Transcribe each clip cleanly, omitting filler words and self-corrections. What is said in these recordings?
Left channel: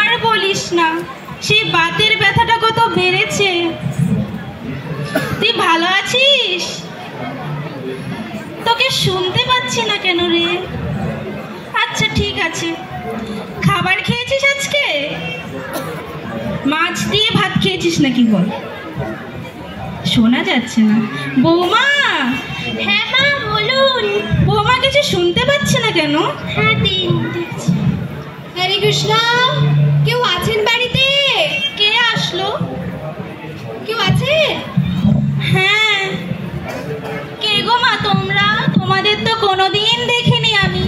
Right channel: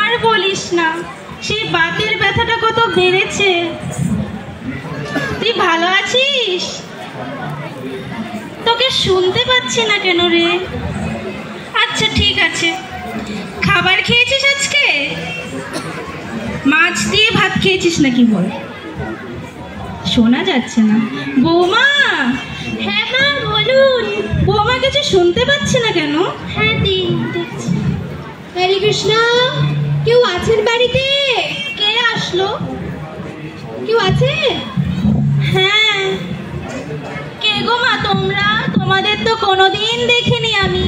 আর বলিস না, সে বাতের ব্যথাটা কত বেড়েছে। তুই ভালো আছিস? তোকে শুনতে পাচ্ছি না কেন রে? আচ্ছা ঠিক আছে, খাবার খেয়েছিস আজকে? মাছ দিয়ে ভাত খেয়েছিস নাকি বল? শোনা যাচ্ছে না। বৌমা? হ্যাঁ মা বলুন। বৌমা কিছু শুনতে পাচ্ছি না কেন? হ্যাঁ দিন দেখছি। হরে কৃষ্ণ, কেউ আছেন বাড়িতে? কে আসলো? কেউ আছে? হ্যাঁ, কে গো মা তোমরা? তোমাদের তো কোনোদিন দেখিনি আমি।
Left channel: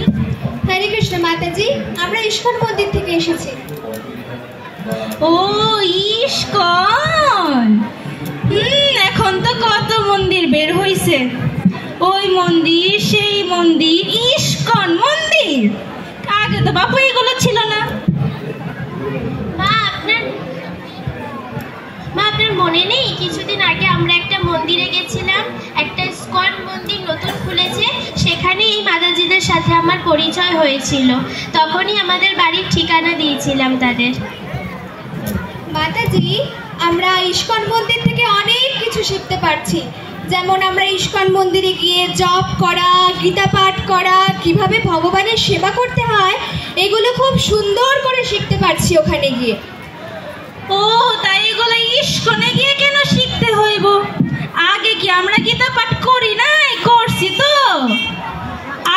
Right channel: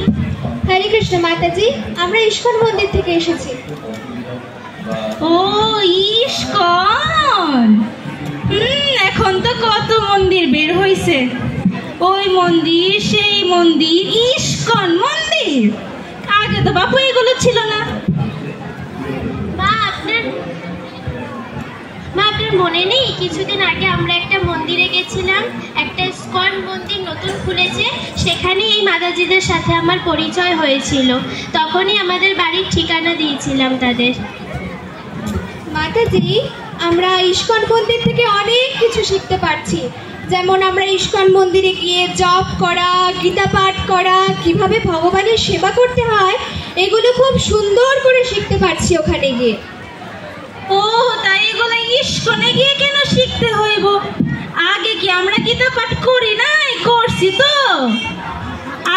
হরে কৃষ্ণ মাতাজি, আমরা ইস্কন মন্দির থেকে এসেছি। ও ইস্কন। এখন তো কত মন্দির বের হইছে। ওই মন্দির, সেই মন্দির, ইস্কন মন্দির। আগে তো বাপু এগুলো ছিল না। মা আপনার মনে নেই কিছুদিন আগে আমরা একটা মন্দিরে গেছিলাম? একটা ইস্কন মন্দির নতুন খুলেছে, সেখানে এই মাতাজিদের সাথে আমার পরিচয় হয়েছিল। তখনই আমাদের বাড়ির ঠিকানা দিয়েছিলাম তাদের। মাতাজি, আমরা ইস্কন মন্দির থেকে অনেক কিছু শিখতে পারছি। যেমন আমরা ইস্কন মন্দিরে গিয়ে জপ করা, গীতা পাঠ করা, কিভাবে ভগবানের সেবা করতে হয়, এগুলো খুব সুন্দর করে শিখতে পারছি ওখানে গিয়ে। ও তাই এগুলো ইস্কনে গিয়ে কেন শিখতে হইব? আগে কি আমরা গীতা পাঠ করি নাই? করছি তো,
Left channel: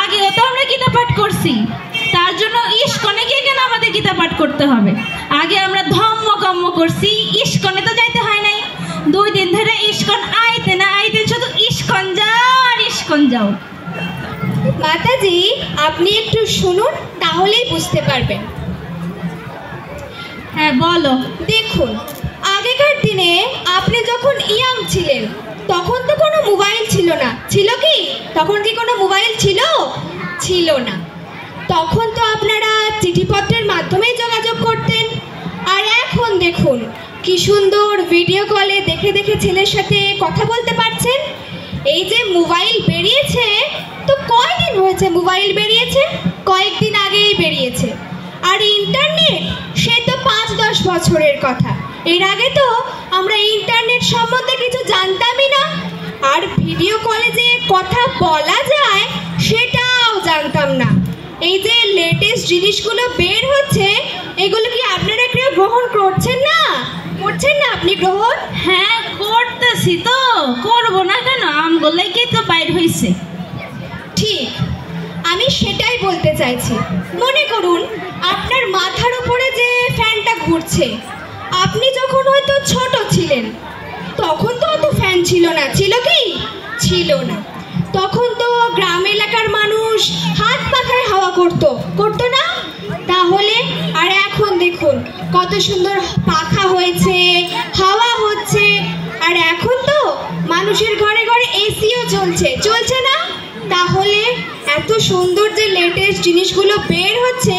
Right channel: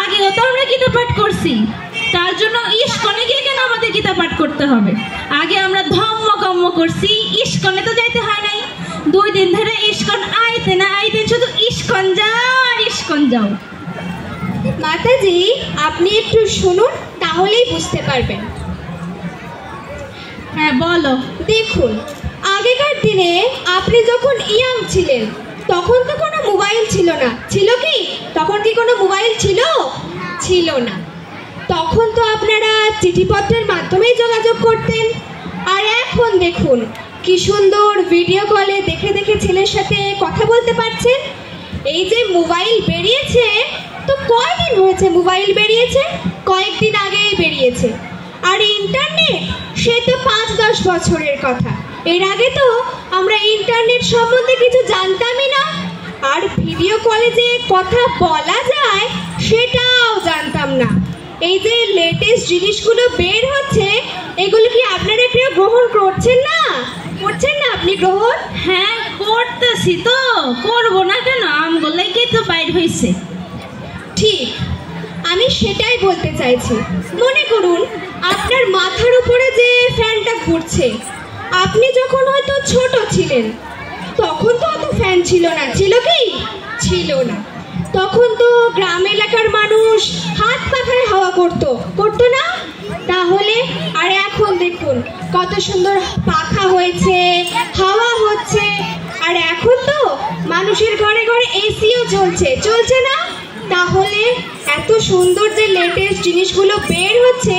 আগেও তো আমরা গীতা পাঠ করছি। তার জন্য ইস্কনে গিয়ে কেন আমাদের গীতা পাঠ করতে হবে? আগে আমরা ধম্ম কর্ম করছি, ইস্কনে তো যাইতে হয় নাই। 2 দিন ধরে ইস্কন আইতে না আইতে শুধু ইস্কন যাও আর ইস্কন যাও। মাতাজি, আপনি একটু শুনুন, তাহলেই বুঝতে পারবেন। হ্যাঁ বলো। দেখুন, আগেকার দিনে আপনি যখন ইয়াং ছিলেন তখন তো কোনো মোবাইল ছিল না, ছিল কি? তখন কি কোনো মোবাইল ছিল? ছিল না। তখন তো আপনারা চিঠিপত্রের মাধ্যমেই যোগাযোগ করতেন। আর এখন দেখুন কি সুন্দর ভিডিও কলে দেখে দেখে ছেলের সাথে কথা বলতে পারছেন। এই যে মোবাইল বেরিয়েছে, তো কয়দিন হয়েছে মোবাইল বেরিয়েছে? কয়েকদিন আগেই বেরিয়েছে। আর ইন্টারনেট, সে তো 5-10 বছরের কথা। এর আগে তো আমরা ইন্টারনেট সম্বন্ধে কিছু জানতামই না। আর ভিডিও কলে যে কথা বলা যায় সেটাও জানতাম না। এই যে লেটেস্ট জিনিসগুলো বের হচ্ছে, এগুলো কি আপনারা কেউ গ্রহণ করছেন না? করছেন না আপনি গ্রহণ? হ্যাঁ করতেছি তো, করবো না কেন? আমগুলোই তো বাইর হয়েছে। ঠিক, আমি সেটাই বলতে চাইছি। মনে করুন আপনার মাথার উপরে যে ফ্যানটা ঘুরছে, আপনি যখন হয়তো ছোট ছিলেন তখন তো অত ফ্যান ছিল না, ছিল কি? ছিল না। তখন তো গ্রাম এলাকার মানুষ হাত পাখায় হাওয়া করতো না? তাহলে আর এখন দেখুন কত সুন্দর পাখা হয়েছে, হাওয়া হচ্ছে। আর এখন তো মানুষের ঘরে ঘরে এসিও চলছে না? তাহলে এত সুন্দর যে লেটেস্ট জিনিসগুলো বের হচ্ছে,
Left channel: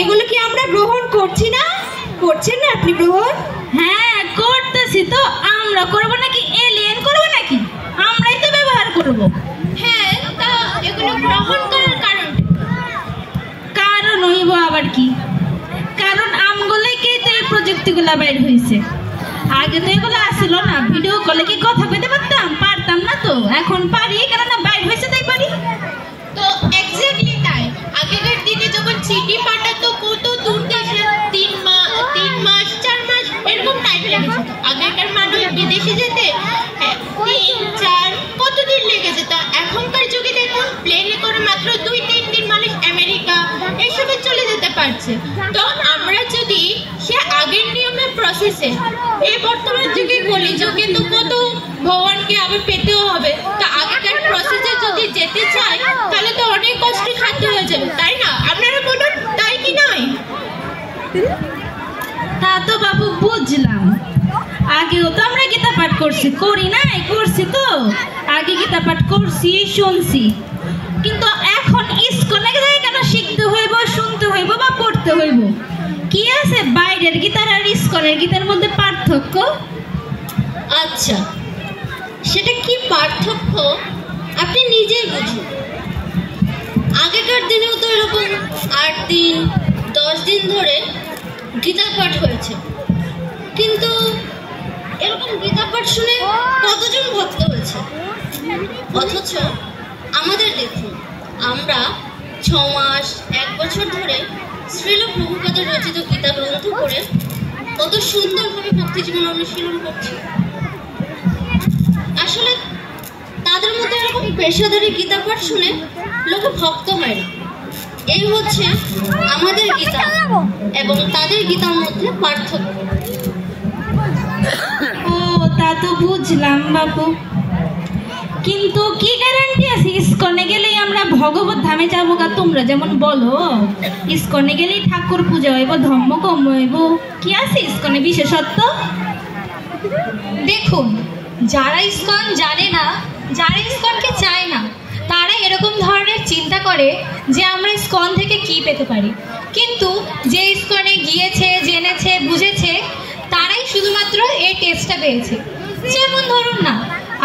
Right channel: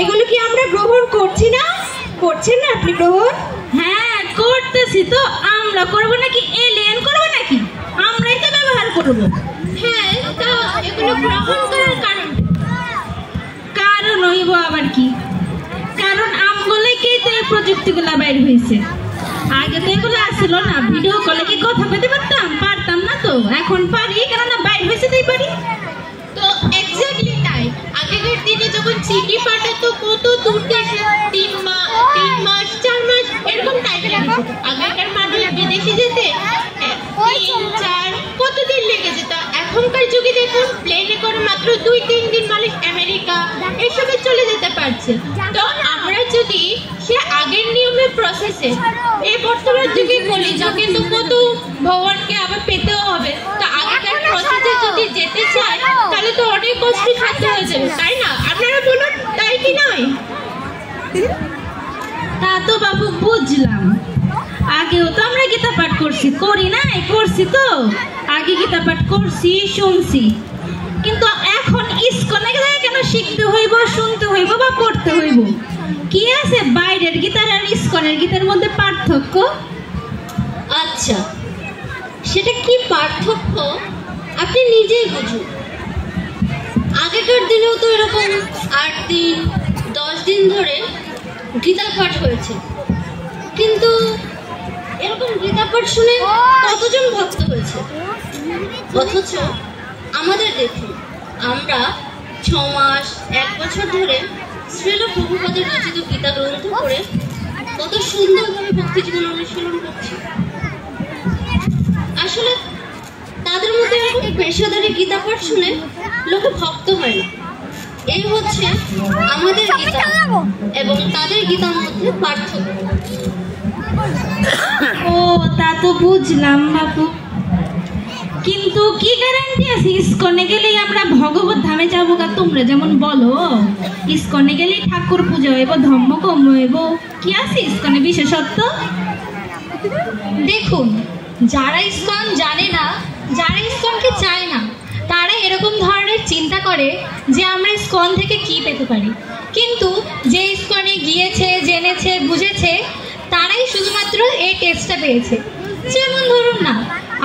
এগুলো কি আমরা গ্রহণ করছি না? করছেন না আপনি গ্রহণ? হ্যাঁ করতেছি তো। আমরা করবো নাকি এলিয়েন করবো নাকি? আমরাই তো ব্যবহার করবো। হ্যাঁ, তা এগুলো গ্রহণ করার কারণ হইব আবার কি? কারণ আমগুলোকেই তো এই প্রযুক্তিগুলা বাইর হয়েছে। আগে তো এগুলো আসছিল না। ভিডিও কলে কি কথা বলতে পারতাম না তো। এখন পারি, কেননা বাইর হয়েছে তাই পারি। তো এক্স্যাক্টলি তাই। আগেকার দিনে যখন চিঠি পাঠাতো কত দূর দেশে, 3 মাস 4 মাস এরকম টাইম লাগতো। আগেকার মানুষ বিদেশে যেতে 3-4 কতদিন লেগে যেত। এখনকার যুগে দেখুন প্লেনে করে মাত্র 2-3 দিন মানুষ আমেরিকা এসবে চলে যেতে পারছে। তো আমরা যদি সে আগের নিয়মের প্রসেসে এই বর্তমান যুগে কলিযুগে তো কত ভগবানকে আবার পেতেও হবে। তো আগেকার প্রসেসে যদি যেতে চাই তাহলে তো অনেক কষ্ট সাধ্য হয়ে যাবে, তাই না? আপনারা বলুন, তাই কি নয়? তা তো বাবু বুঝলাম। আগেও তো আমরা গীতা পাঠ করছি, করি নাই? করছি তো। আগে গীতা পাঠ করছি, শুনছি। কিন্তু এখন ইস্কনে কেন শিখতে হইব, শুনতে হইব বা পড়তে হইব? কি আছে বাইরের গীতার আর ইস্কনের গীতার মধ্যে পার্থক্য? আচ্ছা, সেটা কি পার্থক্য আপনি নিজেই বুঝুন। আগেকার দিনেও তো এরকম 8 দিন 10 দিন দিন ধরে গীতা পাঠ হয়েছে, কিন্তু এরকম গীতা পাঠ শুনে কতজন ভক্ত হয়েছে? অথচ আমাদের দেখুন, আমরা 6 মাস 1 বছর ধরে শ্রীল প্রভুপাদের রচিত গীতা গ্রন্থ পড়ে কত সুন্দরভাবে ভক্তি জীবন অনুশীলন করছি। আসলে তাদের মধ্যে এরকম পেশাদারি গীতা পাঠ শুনে লোকে ভক্ত হয় না। এই হচ্ছে আমাদের গীতা এবং তাদের গীতার মধ্যে পার্থক্য। ও, তা তো বুঝলাম বাপু, কিন্তু কি গ্যারান্টি আছে ইস্কনে গেলেই আমরা ভগবত ধামে যাবো? কা তোমরা যেমন বলো ইস্কনে গেলেই ঠাকুর পূজা হইব, ধর্ম কম হইব, কি আছে ইস্কনে বিশেষত্ব? দেখুন, যারা ইসকন জানে না, যারা ইসকনকে চায় না, তারা এরকম ধরনের চিন্তা করে যে আমরা ইসকন থেকে কি পেতে পারি। কিন্তু যে ইসকনে গিয়েছে, জেনেছে, বুঝেছে, তারাই শুধুমাত্র এই টেস্টটা পেয়েছে। যেমন ধরুন না,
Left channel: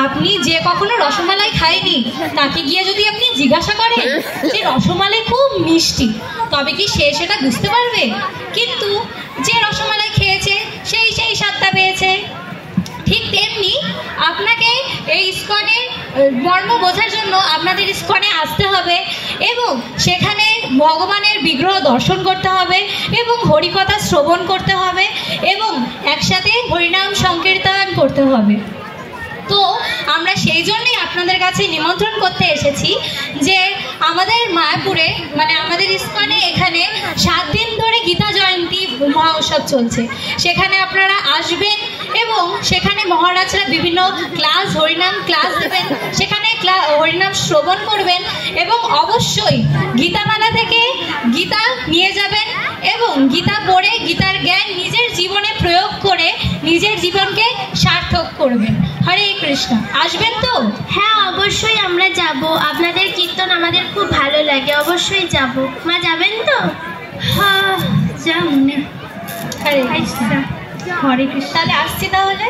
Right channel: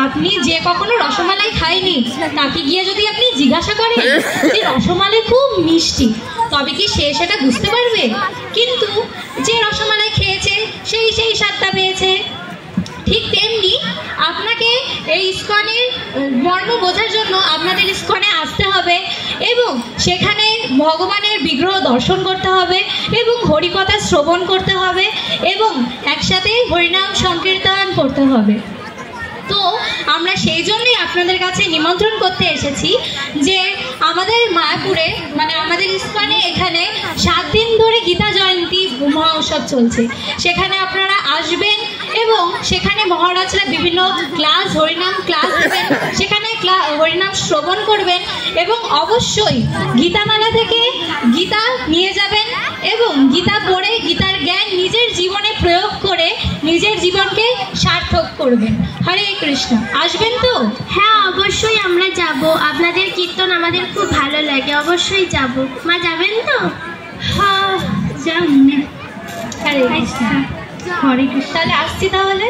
আপনি যে কখনো রসমালাই খায়নি, তাকে গিয়ে যদি আপনি জিজ্ঞাসা করেন যে রসমালাই খুব মিষ্টি, তবে কি সে সেটা বুঝতে পারবে? কিন্তু যে রসমালাই খেয়েছে সেই স্বাদটা পেয়েছে। ঠিক তেমনি আপনাকে এই ইসকনের মর্ম বোঝার জন্য আপনাদের ইসকনে আসতে হবে এবং সেখানে ভগবানের বিগ্রহ দর্শন করতে হবে এবং হরিকথা শ্রবণ করতে হবে এবং একসাথে হরিনাম সংকীর্তন করতে হবে। তো আমরা সেই জন্যই আপনাদের কাছে নিমন্ত্রণ করতে এসেছি যে আমাদের মায়াপুরে, মানে আমাদের ইসকনে এখানে 7 দিন ধরে গীতা জয়ন্তী মহোৎসব চলছে। সেখানে আপনারা আসবেন এবং সেখানে মহারাজরা বিভিন্ন ক্লাস, হরিনাম ক্লাস দেবেন, সেখানে হরিনাম শ্রবণ করবেন এবং অবশ্যই গীতামালা থেকে গীতা নিয়ে যাবেন এবং গীতা পড়ে গীতার জ্ঞান নিজের জীবনে প্রয়োগ করে নিজের জীবনকে সার্থক করবেন। হরে কৃষ্ণ। আসবেন তো? হ্যাঁ, অবশ্যই আমরা যাব। আপনাদের কীর্তন আমাদের খুব ভালো লাগে, অবশ্যই যাব। মা যাবেন তো? হ্যাঁ, যাও না। হরে কৃষ্ণ। হরে কৃষ্ণ। তাহলে আসছি তাহলে।